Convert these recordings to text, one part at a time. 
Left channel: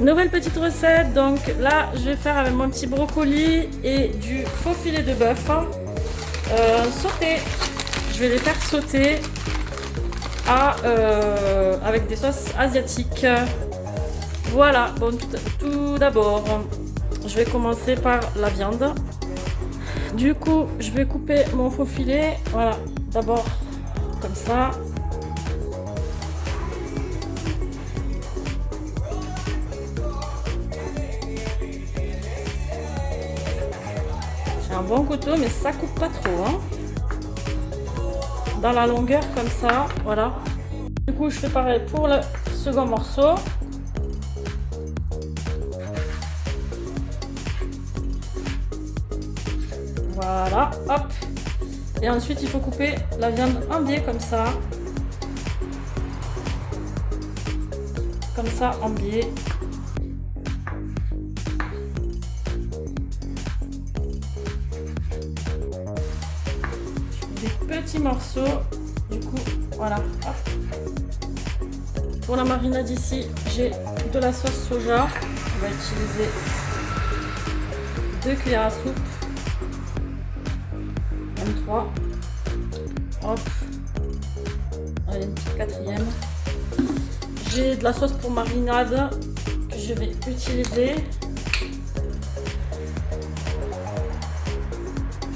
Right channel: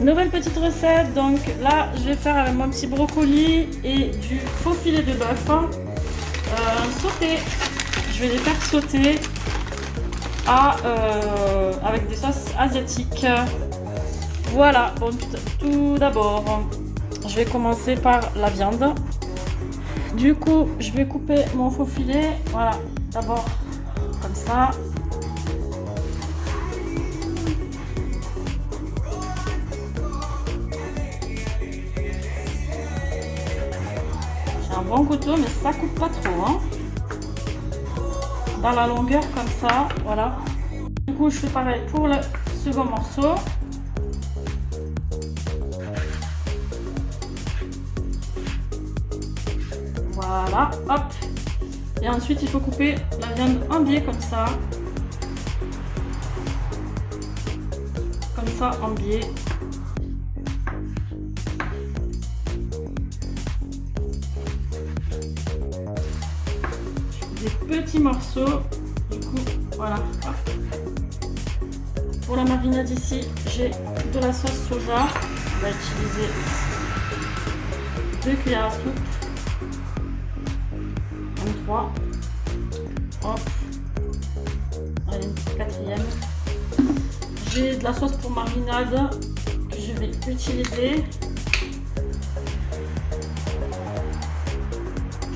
Nouvelle petite recette, donc là je vais faire avec mon petit brocoli et du faux filet de bœuf sauté. Je vais les faire sauter avec des sauces asiatiques. Voilà, donc tout d'abord, je vais commencer par la viande. Du coup, je vais couper mon faux filet, voilà, d'abord comme ça. J'ai un bon couteau, mais ça coupe pas trop, hein. Dans la longueur comme ça, voilà. Du coup, je fais pareil pour le second morceau. Voilà, hop. Et ensuite, il faut couper la viande en biais comme ça. Comme ça, en biais. Je fais des petits morceaux. Du coup, voilà. Hop. Pour la marinade ici, j'ai de la sauce soja. On va utiliser 2 cuillères à soupe. 3. Hop. Allez, une quatrième. J'ai de la sauce pour marinade que je vais utiliser.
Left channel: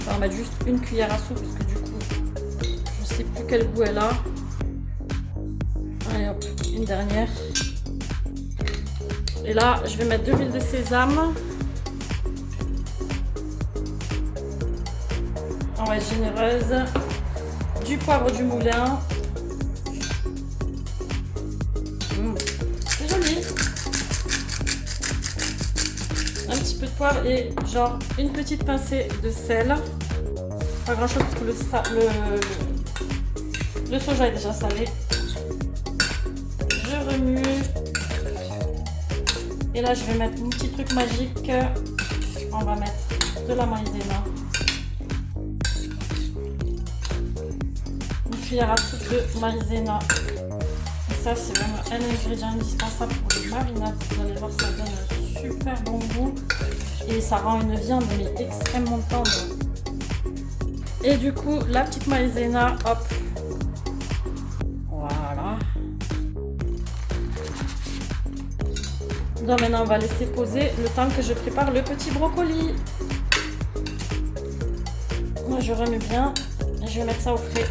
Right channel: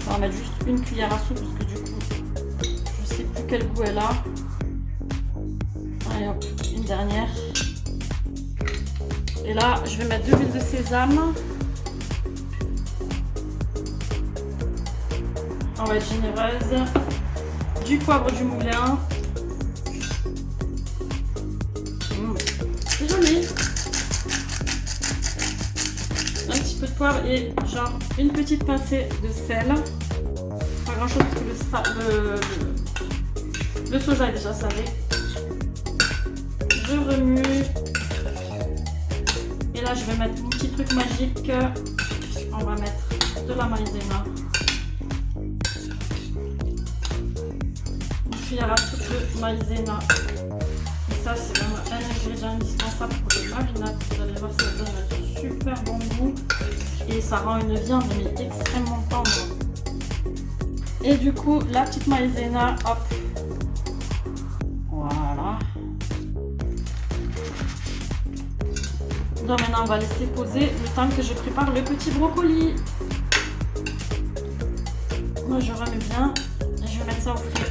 Je vais en mettre juste une cuillère à soupe parce que du coup, je sais plus quel goût elle a. Allez hop, une dernière. Et là, je vais mettre de l'huile de sésame. On va être généreuse. Du poivre du moulin. C'est joli. Un petit peu de poivre et genre une petite pincée de sel. Pas grand chose parce que le soja est déjà salé. Je remue. Et là, je vais mettre un petit truc magique. On va mettre de la maïzena. Cuillère à soupe de maïzena. Et ça, c'est vraiment un ingrédient indispensable pour les marinades. Vous allez voir, ça donne un super bon goût et ça rend une viande mais extrêmement tendre. Et du coup, la petite maïzena, hop, voilà. Donc maintenant, on va laisser poser le temps que je prépare le petit brocoli. Moi, je remue bien. Je vais mettre ça au frais.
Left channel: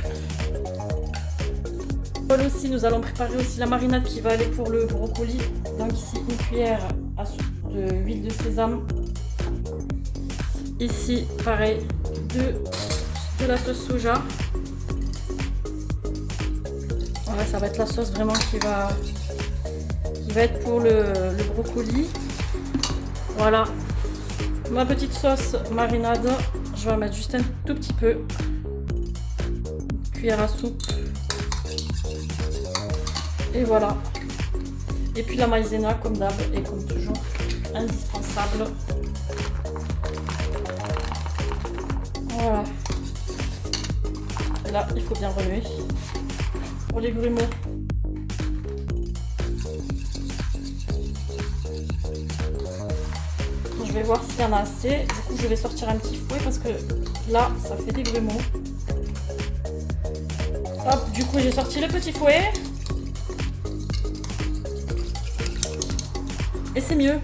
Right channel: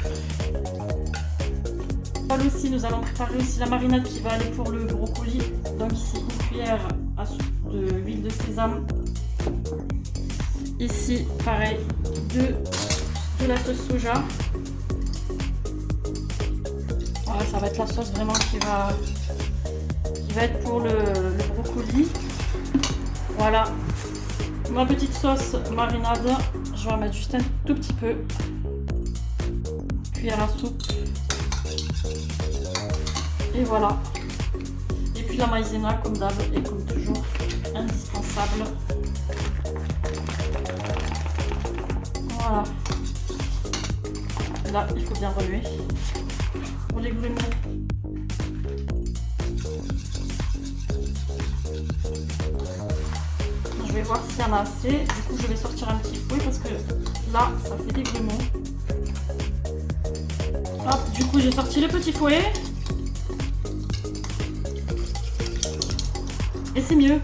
Aussi, nous allons préparer aussi la marinade qui va aller pour le brocoli. Donc ici, une cuillère à soupe d'huile de sésame. Ici, pareil, de la sauce soja. Voilà, ça va être la sauce vraiment qui va être pour le brocoli. Voilà, ma petite sauce marinade. Je vais en mettre juste un tout petit peu. Cuillère à soupe. Et voilà. Et puis la maïzena comme d'hab et comme toujours indispensable. Voilà. Et là, il faut bien remuer. Pour les grumeaux. Je vais voir s'il y en a assez. Du coup, je vais sortir un petit fouet parce que là, ça fait des grumeaux. Hop, du coup, j'ai sorti le petit fouet. Et c'est mieux.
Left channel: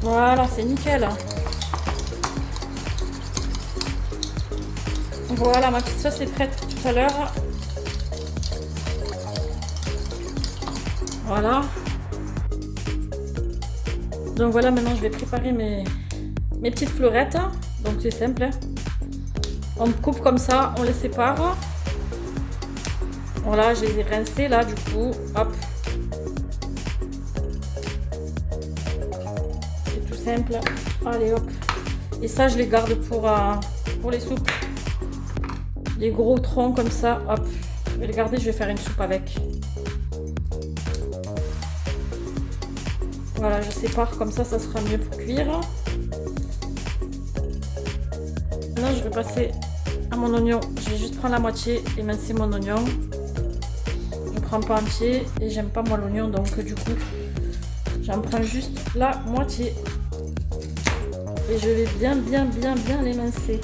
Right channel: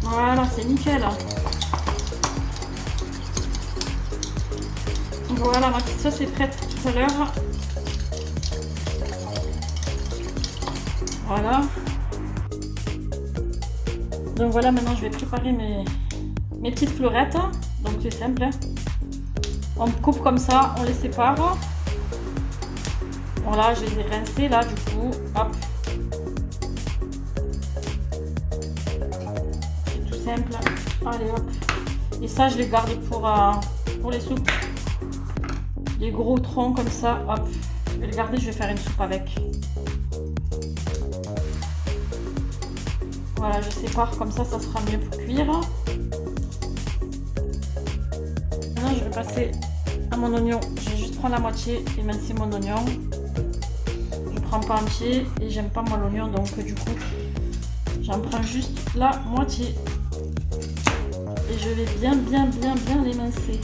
Voilà, c'est nickel. Voilà, ma petite sauce est prête tout à l'heure. Voilà. Donc voilà, maintenant je vais préparer mes petites fleurettes. Donc c'est simple. On coupe comme ça, on les sépare. Voilà, je les ai rincés là, du coup, hop. C'est tout simple. Allez, hop. Et ça, je les garde pour les soupes. Les gros troncs comme ça, hop. Je vais les garder, je vais faire une soupe avec. Voilà, je sépare comme ça sera mieux pour cuire. Maintenant, je vais passer à mon oignon. Je vais juste prendre la moitié, émincer mon oignon. prends pas entier et j'aime pas moi l'oignon, donc du coup j'en prends juste la moitié. Et je vais bien l'émincer.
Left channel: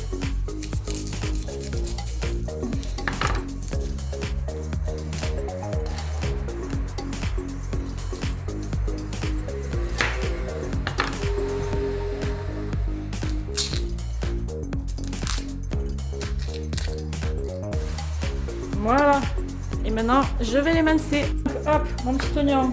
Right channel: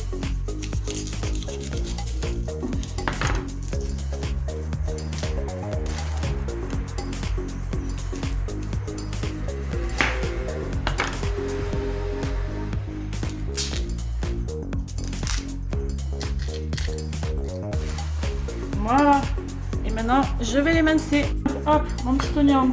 Voilà. Et maintenant, je vais l'émincer. Hop, mon petit oignon.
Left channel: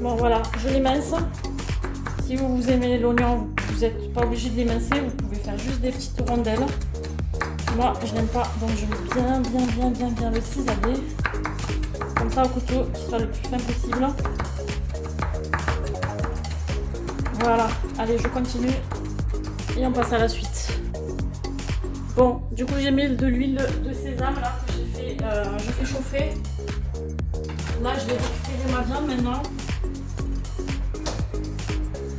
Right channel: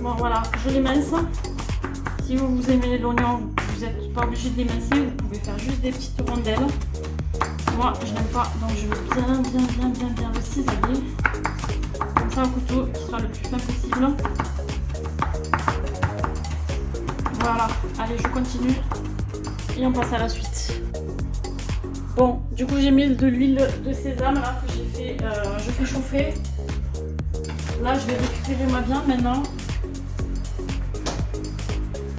Bon voilà, je l'émince. Si vous aimez l'oignon, vous n'êtes pas obligé de l'émincer, vous pouvez faire juste des petites rondelles. Moi, je n'aime pas, donc je vais bien le cisailler. Comme ça au couteau, qui sera le plus fin possible. Voilà, allez, je continue et on passe à la suite. Bon, du coup j'ai mis de l'huile de sésame là, que je fais chauffer. Là, je vais récupérer ma viande maintenant.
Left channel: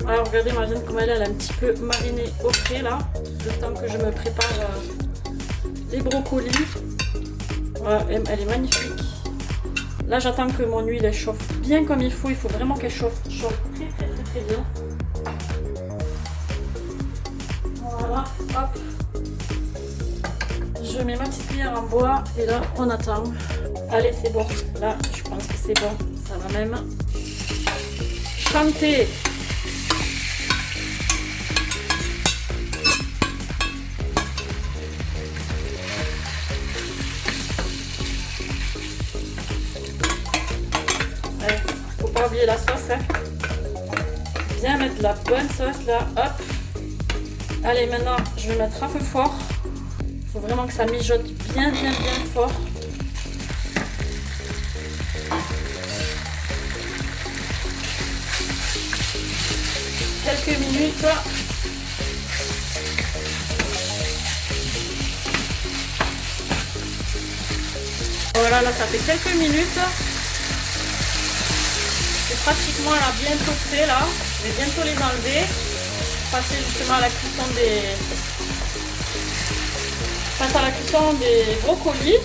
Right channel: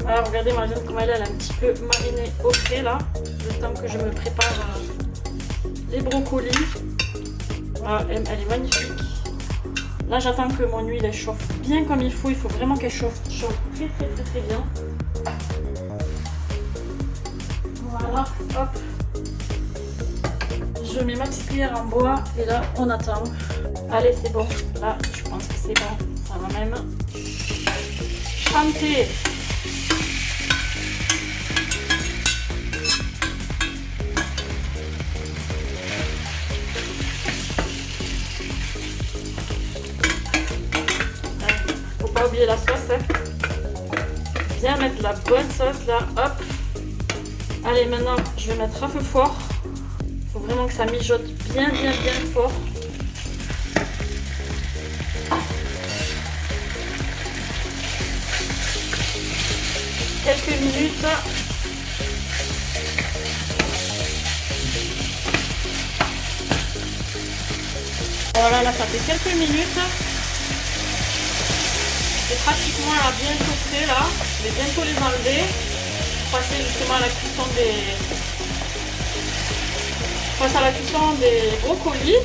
Alors regardez ma viande comme elle est un petit peu marinée au frais là, le temps que je me prépare les brocolis. Elle est magnifique. Là j'attends que mon huile elle chauffe bien comme il faut vraiment qu'elle chauffe très bien. Voilà, hop. Je mets ma petite cuillère en bois et là on attend. Allez c'est bon, là je pense que c'est bon, ça va même chanter. Pas oublier la sauce, hein. Bien mettre la bonne sauce là, hop. Allez, maintenant je vais mettre à feu fort. Il faut vraiment que ça mijote bien fort. Quelques minutes. Voilà, là ça fait quelques minutes. C'est pratiquement là bientôt prêt là. Je vais bientôt les enlever. Passer justement à la cuisson des brocolis.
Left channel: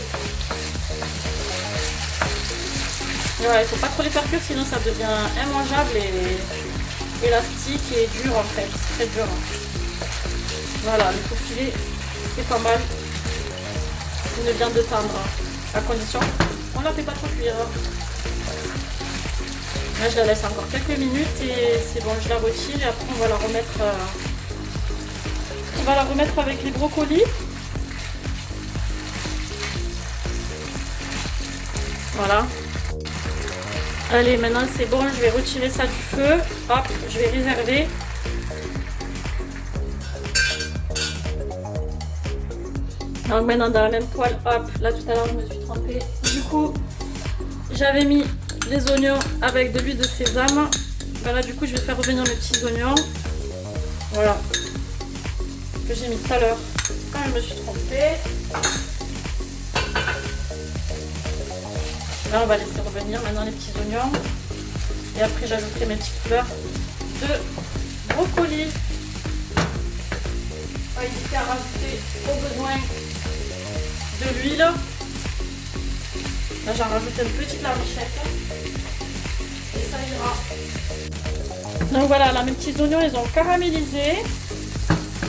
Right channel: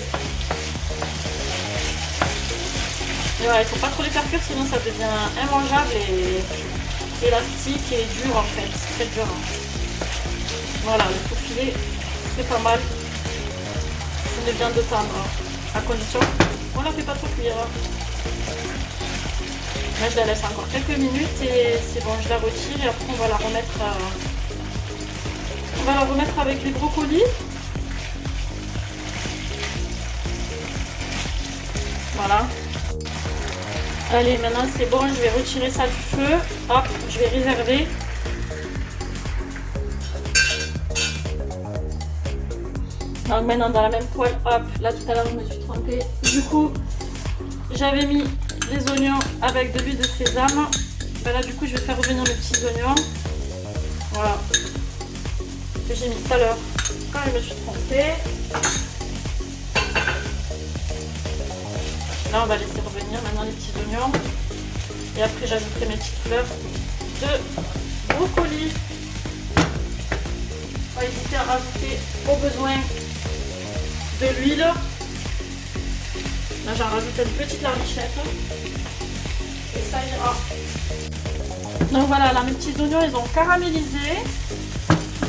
Et voilà, il ne faut pas trop les faire cuire sinon ça devient immangeable et élastique et dur en fait. C'est très dur. Voilà, le filet c'est pas mal. C'est une viande de tendre. À condition, on ne la fait pas trop cuire. Là, je la laisse encore quelques minutes et c'est bon, je la retire et après on va la remettre avec les brocolis. Voilà. Allez, maintenant c'est bon, je vais retirer ça du feu. Hop, je vais réserver. Donc maintenant dans la même poêle, hop, là tout à l'heure je me suis trompée. Du coup, j'avais mis les oignons avec de l'huile de sésame. Ben là du coup je vais faire revenir mes petits oignons. Voilà. Que j'ai mis tout à l'heure quand je me suis trompée. Là on va laisser revenir maintenant les petits oignons. Et après j'ajouterai mes petites fleurs de brocoli. On va hésiter à rajouter au besoin de l'huile. Là j'en rajoute une petite larmichette. Et ça ira. Donc voilà, là mes petits oignons ils ont caramélisé.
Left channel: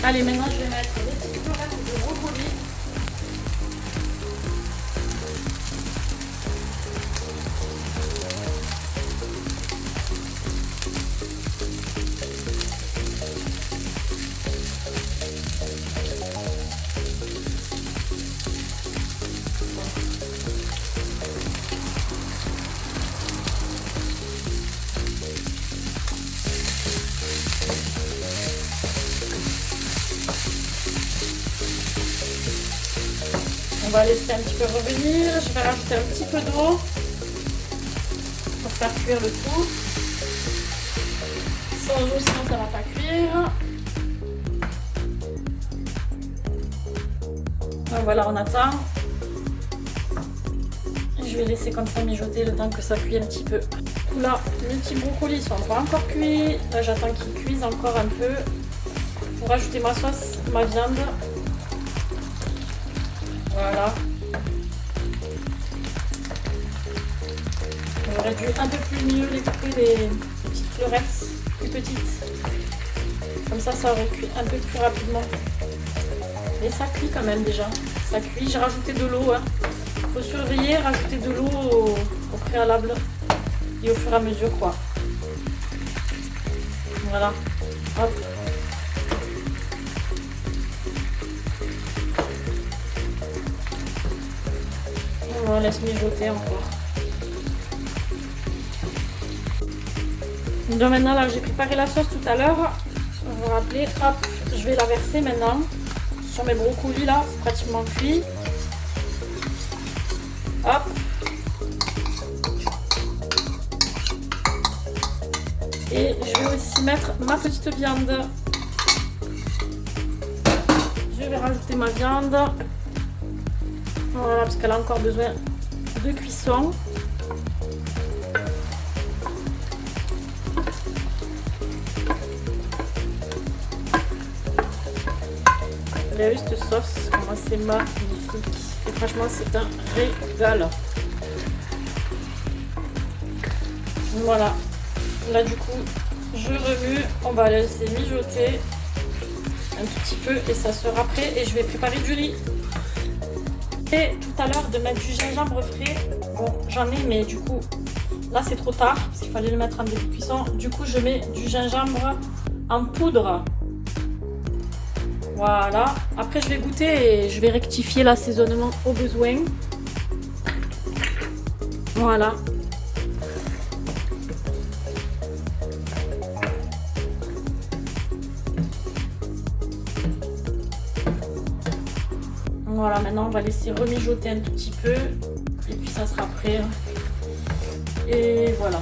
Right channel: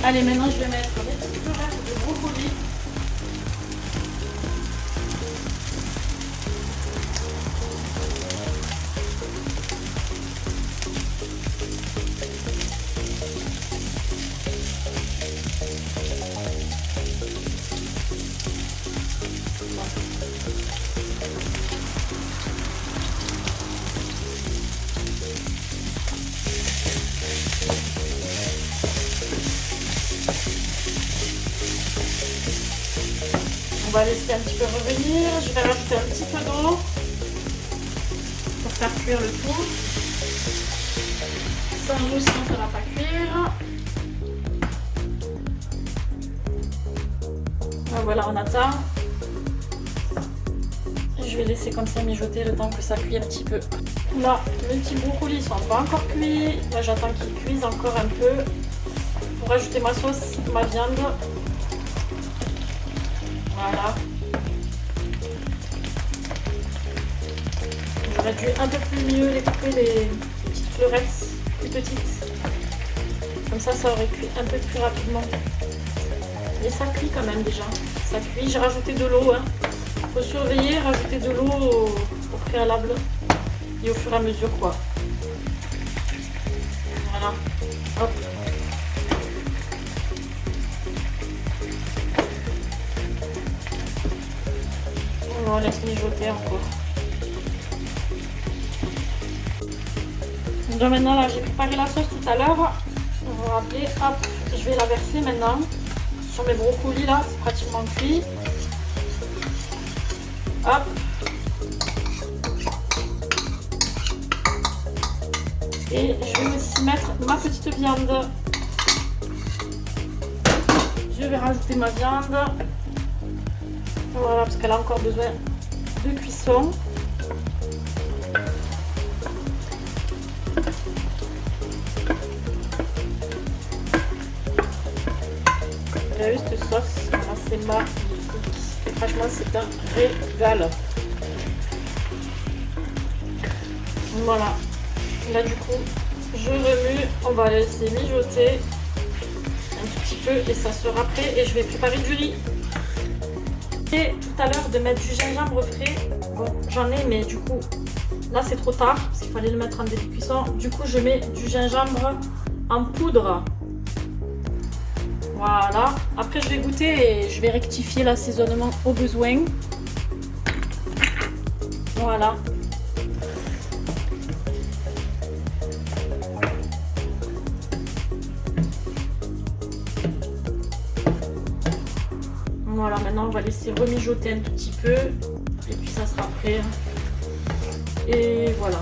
Allez, maintenant je vais mettre des petites fleurs de brocoli. On va laisser un petit peu revenir. Je vais rajouter un petit peu d'eau pour faire cuire le tout. changer, sinon ça va pas cuire. Voilà, on attend. Je vais laisser comme ça mijoter le temps que ça cuit un petit peu. Là, mes petits brocolis sont pas encore cuits. Là, j'attends qu'ils cuisent encore un peu pour rajouter ma sauce, ma viande. Voilà. J'aurais dû un peu plus mieux les couper, les petites fleurettes plus petites. Comme ça aurait cuit un peu plus rapidement. Et ça cuit quand même déjà. Ça cuit. J'ai rajouté de l'eau. Hein. Faut surveiller, rajouter de l'eau au préalable et au fur et à mesure quoi. Voilà. Hop. On laisse mijoter encore. Donc maintenant là j'ai préparé la sauce tout à l'heure. Vous vous rappelez, hop, je vais la verser maintenant sur mes brocolis là, c'est pratiquement cuit. Hop. Et je vais aussi mettre ma petite viande. Je vais rajouter ma viande. Voilà, parce qu'elle a encore besoin de cuisson. Vous avez vu cette sauce, c'est magnifique. Et franchement, c'est un régal. Voilà. Là, du coup, je remue. On va laisser mijoter un tout petit peu et ça sera prêt. Et je vais préparer du riz. Et tout à l'heure de mettre du gingembre frais. Bon, j'en ai, mais du coup, là, c'est trop tard parce qu'il fallait le mettre en début de cuisson. Du coup, je mets du gingembre en poudre. Voilà. Après, je vais goûter et je vais rectifier l'assaisonnement au besoin. Voilà. Voilà, maintenant on va laisser remijoter un tout petit peu et puis ça sera prêt. Et voilà.